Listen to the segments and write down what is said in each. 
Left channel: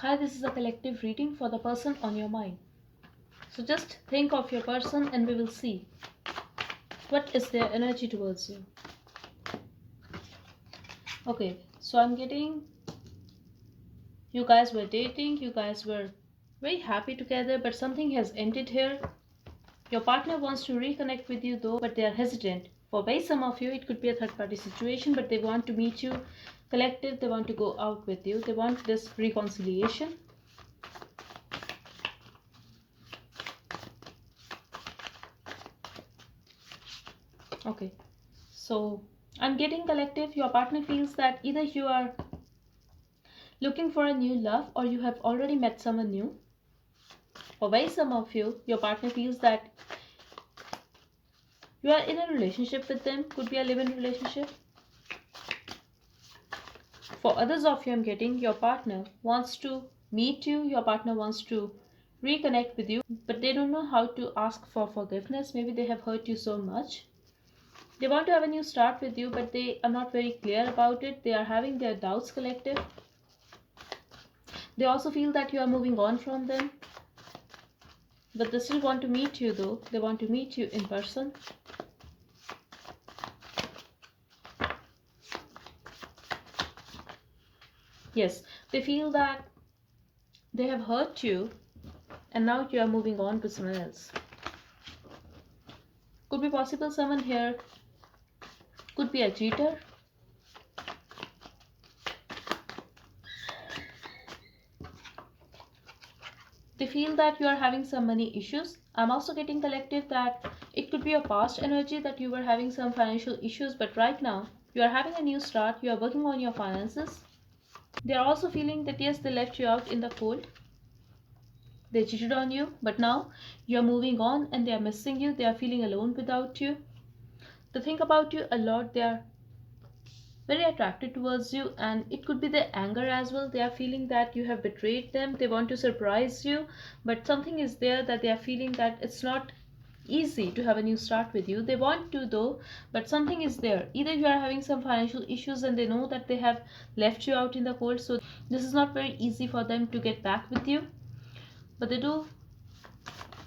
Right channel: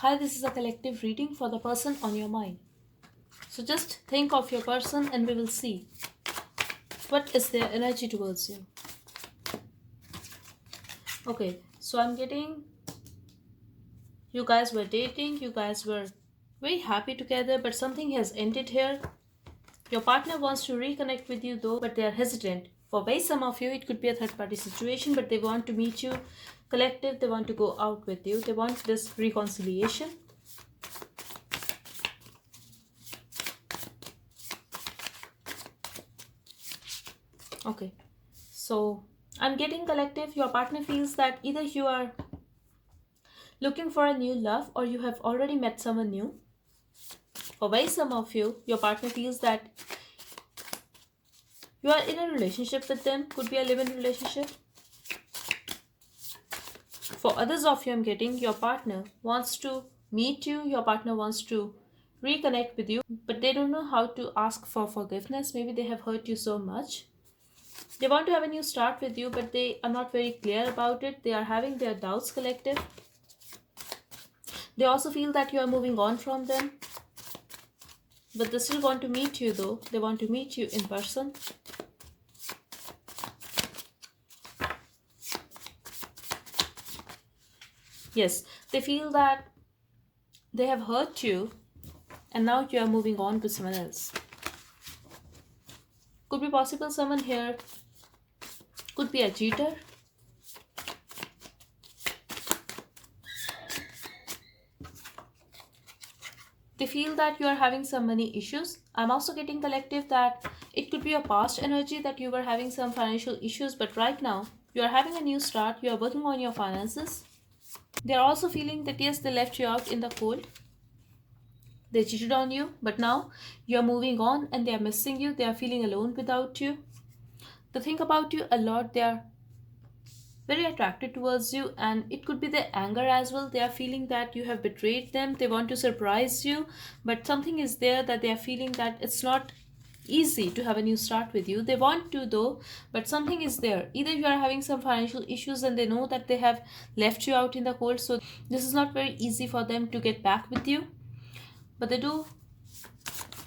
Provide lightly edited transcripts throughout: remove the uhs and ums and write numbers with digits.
Hi, this is a collective reading for the person on your mind. So just think of your person and we will see what is their energy towards you. Okay, so I'm getting you guys were dating, you guys were very happy together, but something has ended here. Your partner wants to reconnect with you though, but they are hesitant. For very some of you, it could be a third party situation, but they want to meet you collective, they want to go out with you, they want this reconciliation. Okay, so I'm getting collective. Your partner feels that either you are looking for a new love or you have already met someone new. For very some of you, your partner feels that you are in a relationship with them, could be a live in relationship. For others of you, I'm getting your partner wants to meet you, your partner wants to reconnect with you, but they don't know how to ask for forgiveness. Maybe they have hurt you so much. They want to have a new start with you, but they are not very clear about it. They are having their doubts collective. They also feel that you are moving on from them, but they still want to meet you though. They want to meet you in person. Yes, they feel that they have hurt you and now you are moving on with someone else. Could be possible someone here could be a cheater. They feel that you are having some money issues. I'm also getting collective that it could be a past energy that you were having some financial issues, but right now you are having a new start. You are working on your finances. They are also feeling that yes, they left you out in the cold. They cheated on you, but now you are moving on and they are missing you. They are feeling alone without you. They think about you a lot. They are very attracted towards you, and it could be their anger as well. They are feeling that you have betrayed them. They want to surprise you, but something is there that they are feeling that it's not easy to have a new start with you. They want to though, but something is there. Either you are having some financial issues and they know that they have left you out in the cold, so this is not very easy for them to get back with you, but they do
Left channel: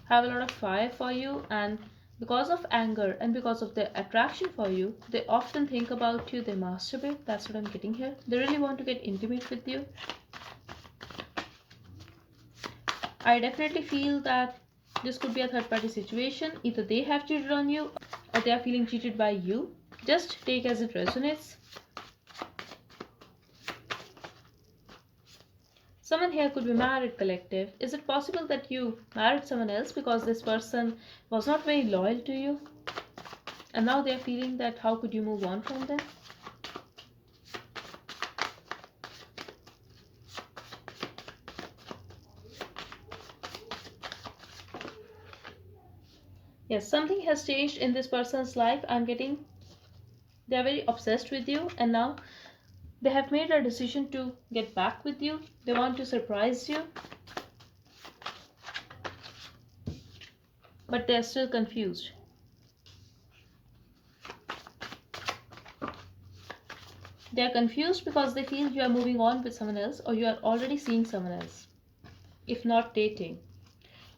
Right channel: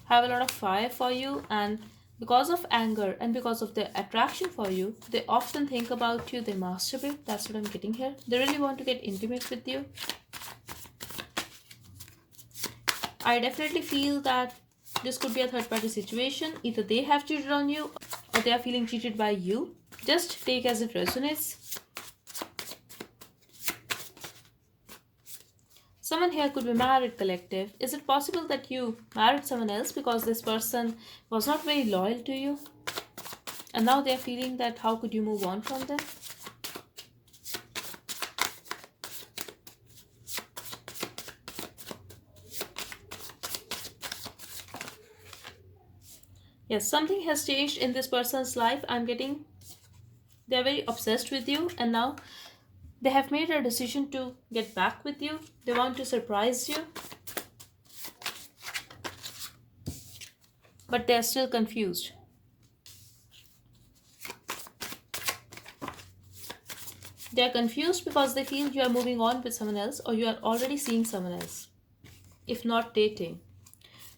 have a lot of fire for you, and because of anger and because of their attraction for you, they often think about you. They masturbate. That's what I'm getting here. They really want to get intimate with you. I definitely feel that this could be a third party situation. Either they have cheated on you or they are feeling cheated by you. Just take as it resonates. Someone here could be married collective. Is it possible that you married someone else because this person was not very loyal to you? And now they're feeling that how could you move on from them? Yes, something has changed in this person's life. I'm getting they're very obsessed with you, and now they have made a decision to get back with you. They want to surprise you, but they're still confused. They're confused because they feel you are moving on with someone else or you are already seeing someone else, if not dating.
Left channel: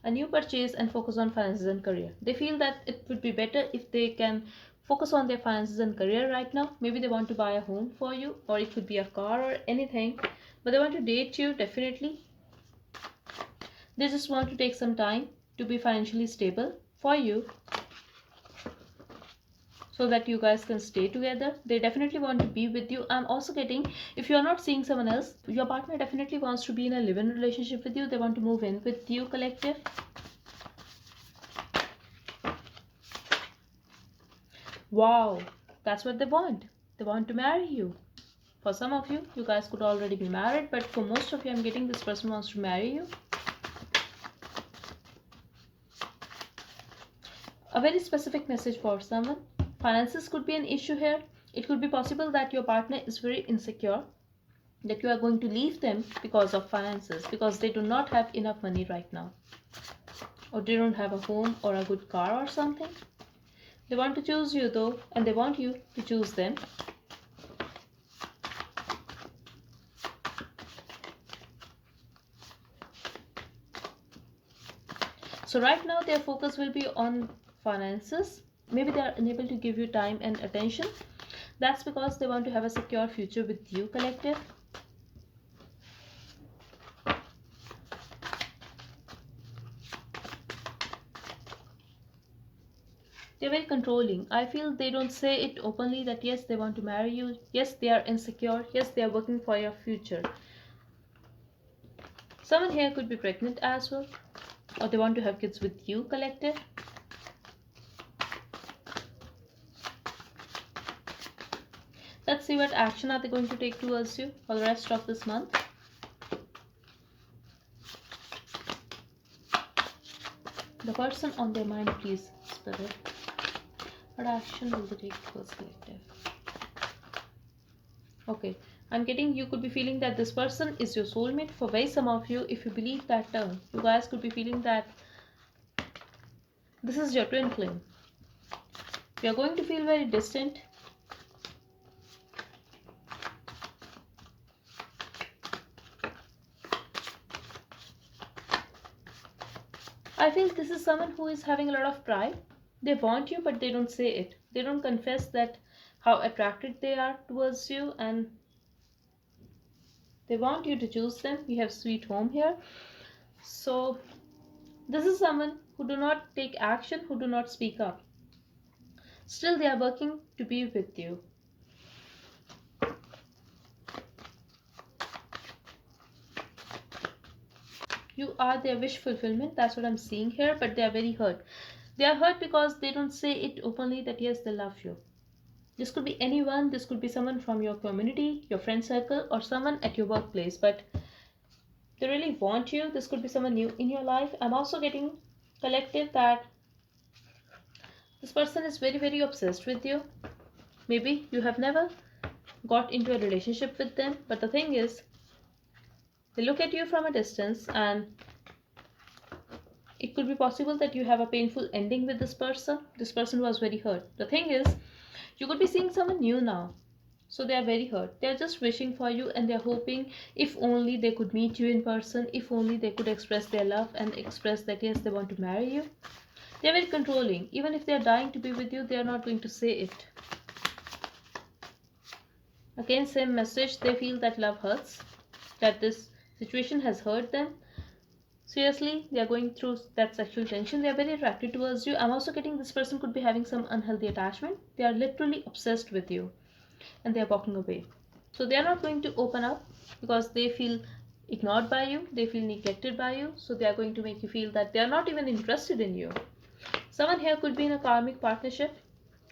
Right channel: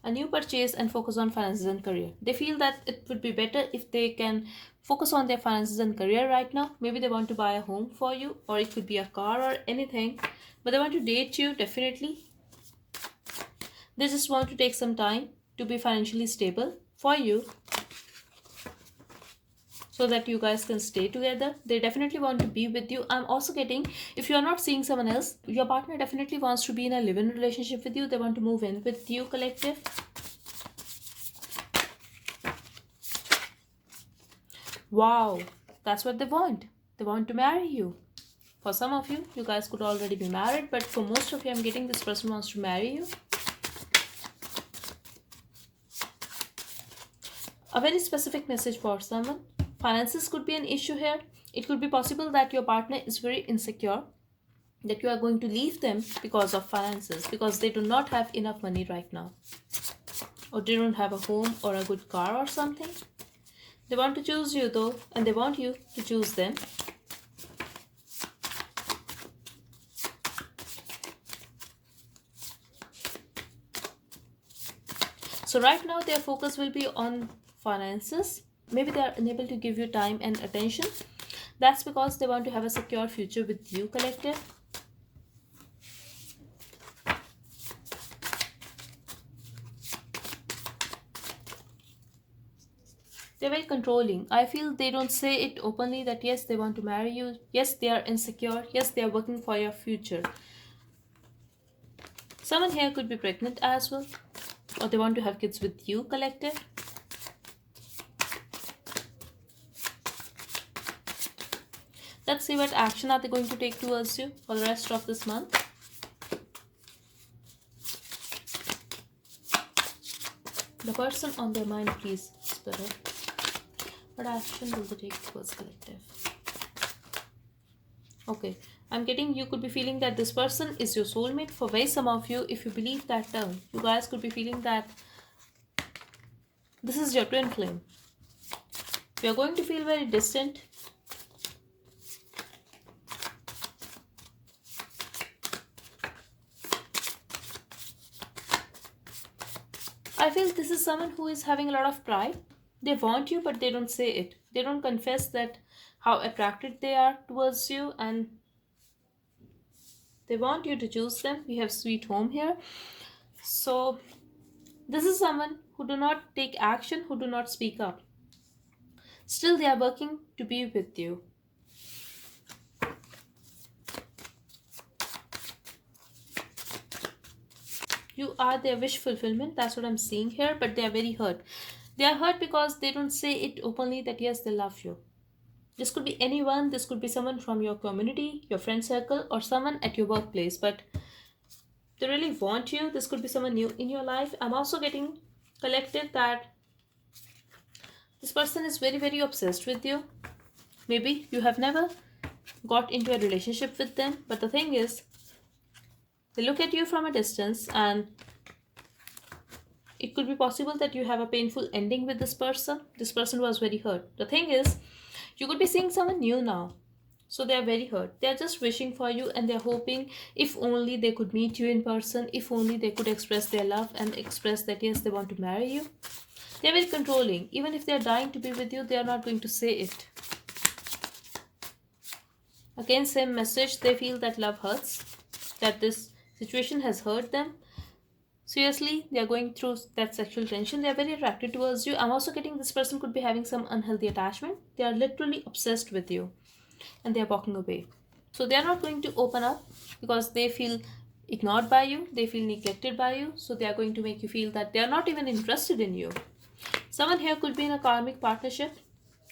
A new purchase and focus on finances and career. They feel that it would be better if they can focus on their finances and career right now. Maybe they want to buy a home for you, or it could be a car or anything, but they want to date you definitely. They just want to take some time to be financially stable for you so that you guys can stay together. They definitely want to be with you. I'm also getting, if you are not seeing someone else, your partner definitely wants to be in a live-in relationship with you. They want to move in with you collective. Wow, that's what they want. They want to marry you. For some of you, you guys could already be married, but for most of you, I'm getting this person wants to marry you. A very specific message for someone. Finances could be an issue here. It could be possible that your partner is very insecure, that you are going to leave them because of finances, because they do not have enough money right now, or they don't have a home or a good car or something. They want to choose you though, and they want you to choose them. So right now their focus will be on finances. Maybe they are unable to give you time and attention. That's because they want to have a secure future with you, collective. They're very controlling. I feel they don't say it openly that yes, they want to marry you. Yes, they are insecure. Yes, they are working for your future. Someone here could be pregnant as well, or they want to have kids with you, collective. Let's see what action are they going to take towards you for the rest of this month. The person on their mind, please, Spirit. What action will they take towards collective? Okay, I'm getting you could be feeling that this person is your soulmate. For very some of you, if you believe that term, you guys could be feeling that this is your twin flame. You're going to feel very distant. I feel this is someone who is having a lot of pride. They want you, but they don't say it. They don't confess that how attracted they are towards you, and they want you to choose them. We have sweet home here. So this is someone who do not take action, who do not speak up. Still, they are working to be with you. You are their wish fulfillment. That's what I'm seeing here, but they are very hurt. They are hurt because they don't say it openly that yes, they love you. This could be anyone. This could be someone from your community, your friend circle, or someone at your workplace, but they really want you. This could be someone new in your life. I'm also getting collective that this person is very, very obsessed with you. Maybe you have never got into a relationship with them, but the thing is, they look at you from a distance, and it could be possible that you have a painful ending with this person. This person was very hurt. The thing is, you could be seeing someone new now. So they are very hurt. They are just wishing for you, and they are hoping if only they could meet you in person, if only they could express their love and express that yes, they want to marry you. They are very controlling. Even if they are dying to be with you, they are not going to say it. Again, same message. They feel that love hurts, that this situation has hurt them. Seriously, they are going through that sexual tension. They are very attracted towards you. I'm also getting this person could be having some unhealthy attachment. They are literally obsessed with you, and they are walking away. So they are not going to open up because they feel ignored by you. They feel neglected by you. So they are going to make you feel that they are not even interested in you. Someone here could be in a karmic partnership,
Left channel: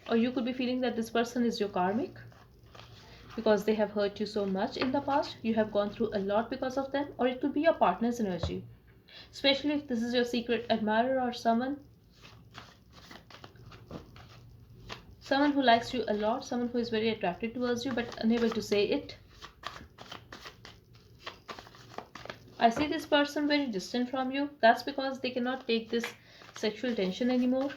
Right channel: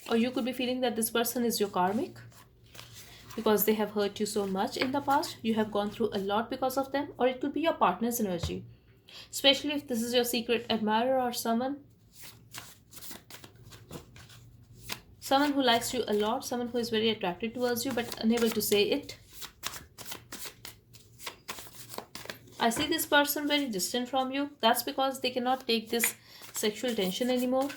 or you could be feeling that this person is your karmic because they have hurt you so much in the past. You have gone through a lot because of them, or it could be your partner's energy, especially if this is your secret admirer or someone who likes you a lot, someone who is very attracted towards you but unable to say it. I see this person very distant from you. That's because they cannot take this sexual tension anymore.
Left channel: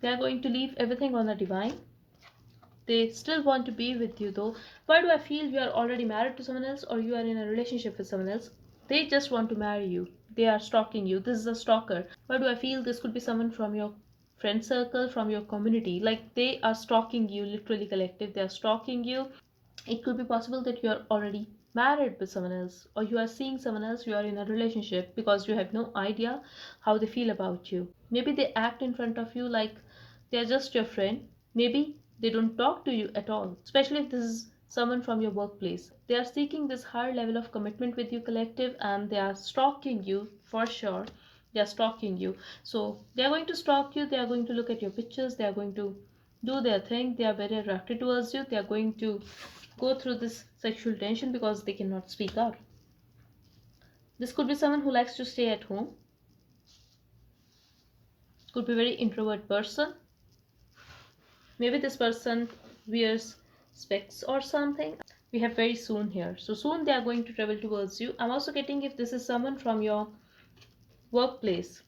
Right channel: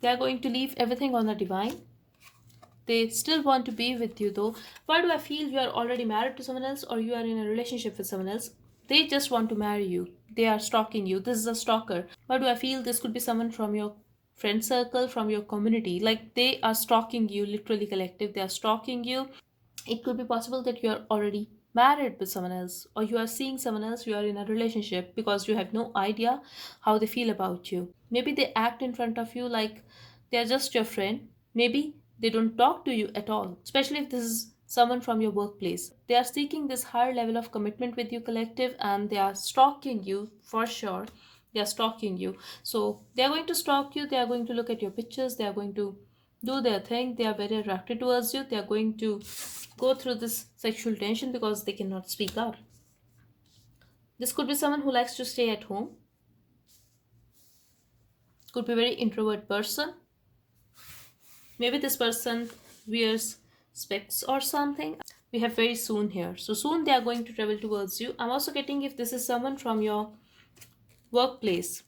They are going to leave everything on the divine. They still want to be with you though. Why do I feel you are already married to someone else, or you are in a relationship with someone else? They just want to marry you. They are stalking you. This is a stalker. Why do I feel this could be someone from your friend circle, from your community? Like they are stalking you, literally, collective. They are stalking you. It could be possible that you are already married with someone else, or you are seeing someone else, you are in a relationship because you have no idea how they feel about you. Maybe they act in front of you like they are just your friend. Maybe they don't talk to you at all, especially if this is someone from your workplace. They are seeking this higher level of commitment with you, collective, and they are stalking you for sure. They are stalking you. So they are going to stalk you, they are going to look at your pictures, they are going to do their thing. They are very attracted towards you. They are going to go through this sexual tension because they cannot speak out. This could be someone who likes to stay at home. Could be a very introvert person. Maybe this person wears specs or something. We have very soon here. So soon they are going to travel towards you. I'm also getting if this is someone from your workplace.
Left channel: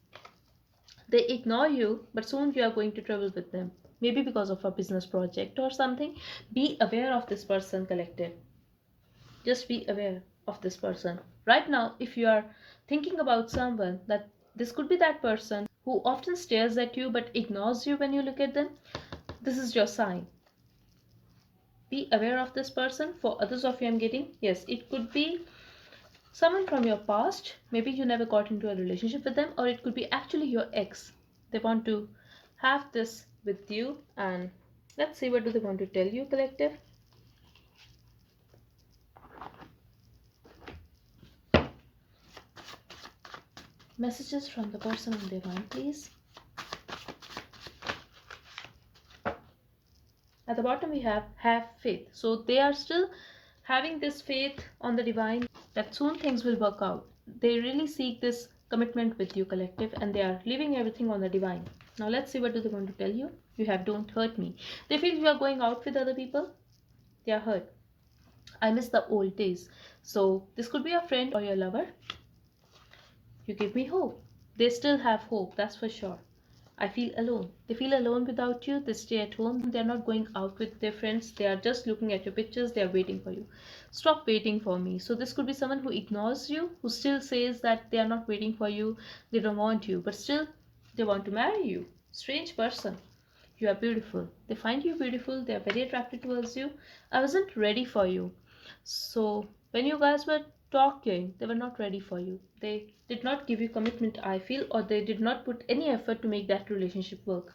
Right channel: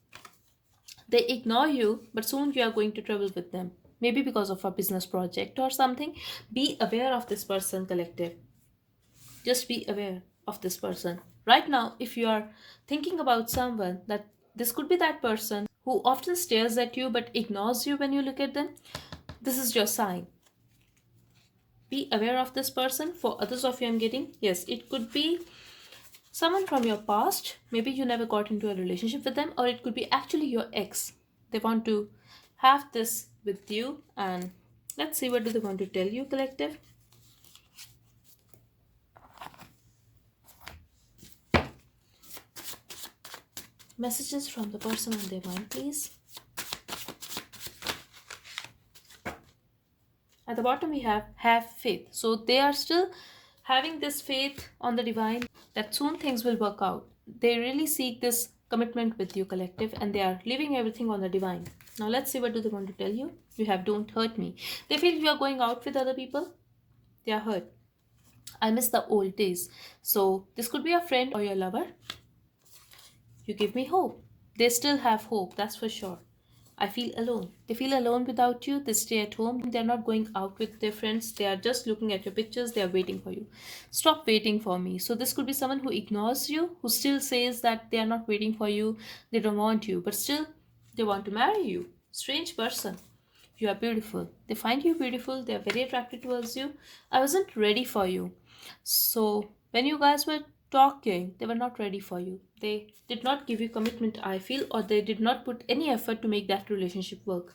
They ignore you, but soon you are going to travel with them. maybe because of a business project or something. Be aware of this person, collective. Just be aware of this person. Right now, if you are thinking about someone, that this could be that person who often stares at you but ignores you when you look at them, this is your sign. Be aware of this person. For others of you, I'm getting, yes, it could be someone from your past. Maybe you never got into a relationship with them, or it could be actually your ex. They want to have this with you, and let's see what do they want to tell you, collective. Messages from the person on their mind, please. At the bottom we have faith. So they are still having this faith on the divine that soon things will work out. They really seek this commitment with you, collective, and they are leaving everything on the divine. Now let's see what do they want to tell you. You have don't hurt me. They feel you are going out with other people. They are hurt. I miss the old days. So this could be a friend or your lover. You give me hope. They still have hope, that's for sure. I feel alone. They feel alone without you. They stay at home. They're not going out with their friends. They are just looking at your pictures. They are waiting for you. Stop waiting for me. So, this could be someone who ignores you, who still says that they are not waiting for you, they don't want you, but still they want to marry you. Strange person. You are beautiful. They find you beautiful. They are very attracted towards you. I wasn't ready for you. So, when you guys were talking, they were not ready for you. They did not give you commitment, I feel, or they did not put any effort to make that relationship work.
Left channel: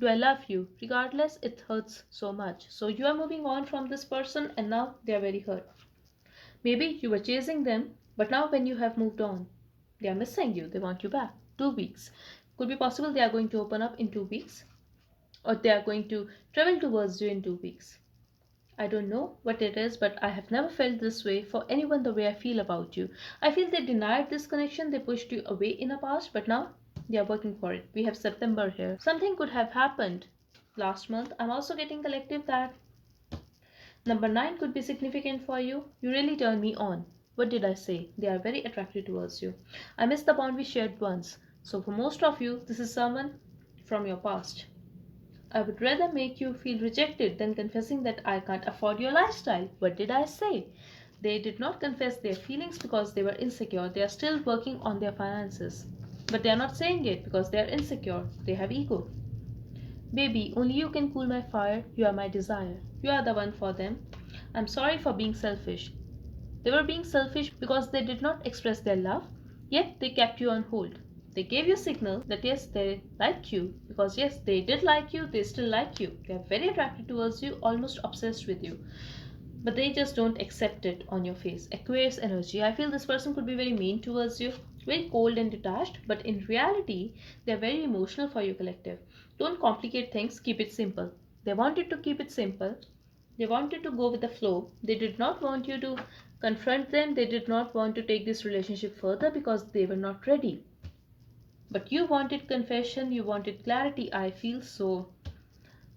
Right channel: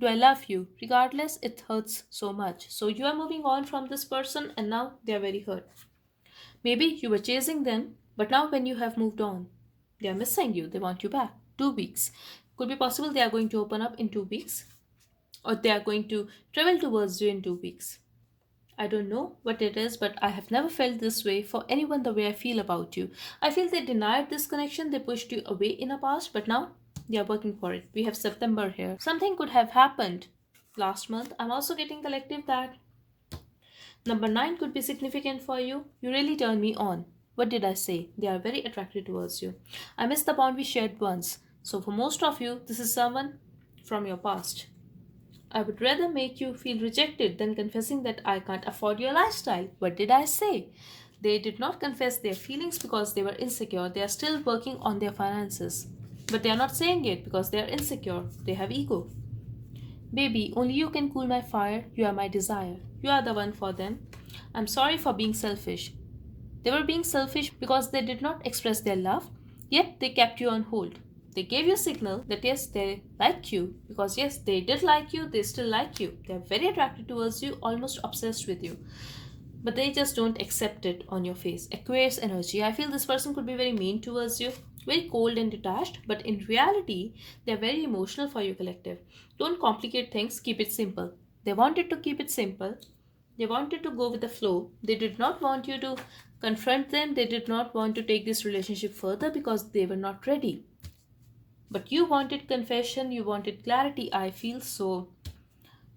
Do I love you? Regardless, it hurts so much. So, you are moving on from this person, and now they are very hurt. Maybe you were chasing them, but now when you have moved on, they are missing you. They want you back. 2 weeks. Could be possible they are going to open up in 2 weeks, or they are going to travel towards you in 2 weeks. I don't know what it is, but I have never felt this way for anyone the way I feel about you. I feel they denied this connection, they pushed you away in the past, but now they are working for it. We have September here. Something could have happened last month. I'm also getting collective that number 9 could be significant for you. You really turn me on. What did I say? They are very attracted towards you. I miss the bond we shared once. So, for most of you, this is someone from your past. I would rather make you feel rejected than confessing that I can't afford your lifestyle. What did I say? They did not confess their feelings because they were insecure. They are still working on their finances. But they are not saying it because they are insecure. They have ego. Baby, only you can cool my fire. You are my desire. You are the one for them. I'm sorry for being selfish. They were being selfish because they did not express their love, yet they kept you on hold. They gave you a signal that yes, they like you, because yes, they did like you, they still like you. They are very attracted towards you, almost obsessed with you. But they just don't accept it on your face. Aquarius energy. I feel this person could be very mean towards you, very cold and detached, but in reality, they're very emotional for you, collective. Don't complicate things, keep it simple. They wanted to keep it simple. They wanted to go with the flow. They did not want you to confront them. They did not want to take this relationship further because they were not ready. But you wanted confession, you wanted clarity, I feel, so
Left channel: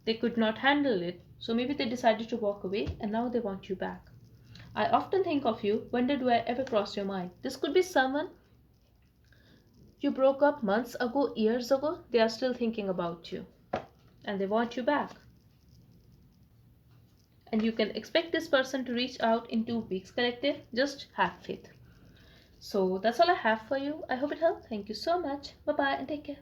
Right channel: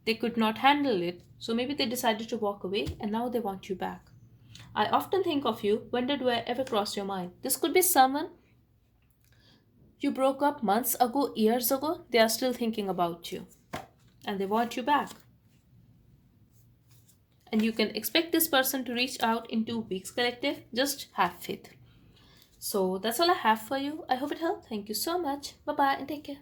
they could not handle it. So maybe they decided to walk away and now they want you back. I often think of you. When did I ever cross your mind? This could be someone you broke up months ago, years ago. They are still thinking about you and they want you back. And you can expect this person to reach out in 2 weeks, collective. Just have faith. So that's all I have for you. I hope it helped. Thank you so much. Bye bye and take care.